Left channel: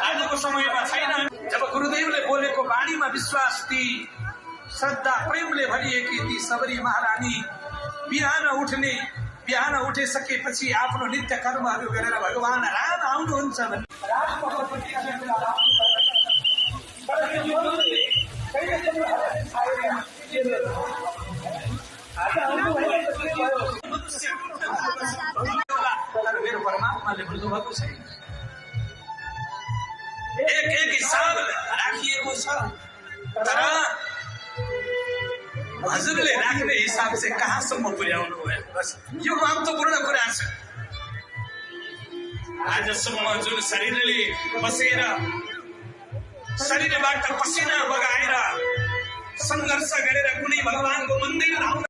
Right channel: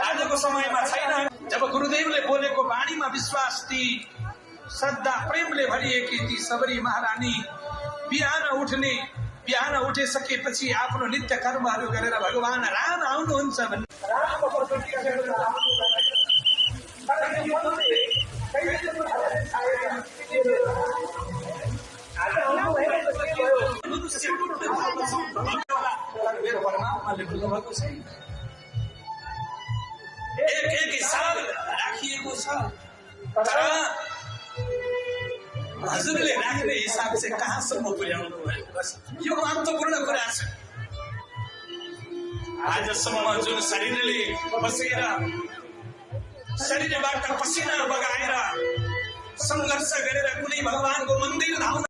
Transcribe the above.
आजको समयमा छैन। जब गुरुदेवले बोलेको वाणीमा विश्वास ती श्रद्धा प्रेमले भरिएकी ती सबरी महारानी बिहान उठिसकेपछि आफ्नो नित्य कर्महरू गरेर भगवान राम आउनुहुन्छ भन्ने मेरो परमात्माले भन्नुभएको छैन। एक हिसाब राखिएको छ, तर हजुरले राख्ने हिसाब चाहिँ कहाँसम्म पुर्याउनु भयो, बस यो महत्त्वपूर्ण कुरा छ। आजसम्म जुन शरीरले बसेर शरीरबाट पसिना बगाएर सङ्घर्ष गरेर कुनै भगवानको मन्दिर धाउन